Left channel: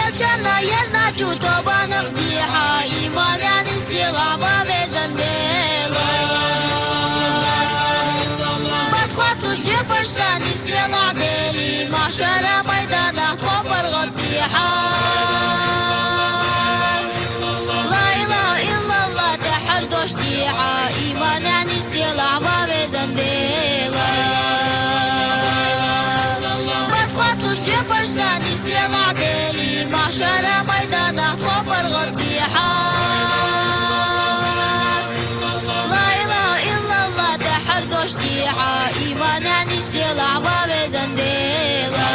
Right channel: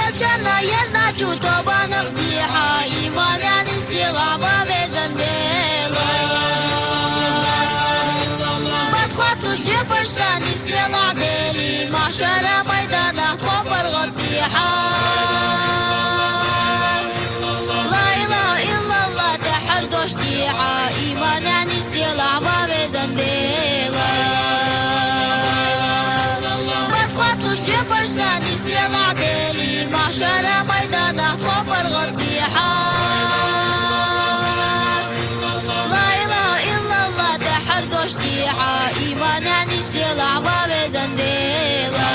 Я черная, я значу, тоба нахтиха, и маня не стила, маме зандела. Бахват лучше пошла, не стила дели, машара майдана, хопар غطيحة. لا إله إلا الله تحر دوشتيحة، إيمان يعني استيلاع مامي زنديلا. بخوات لوشي بشتا نستيلاع ديلي، معشارة ميدانا خبر غطيحة. لا إله إلا الله تحر دوشتيحة، إيمان يعني استيلاع مامي زنديلا.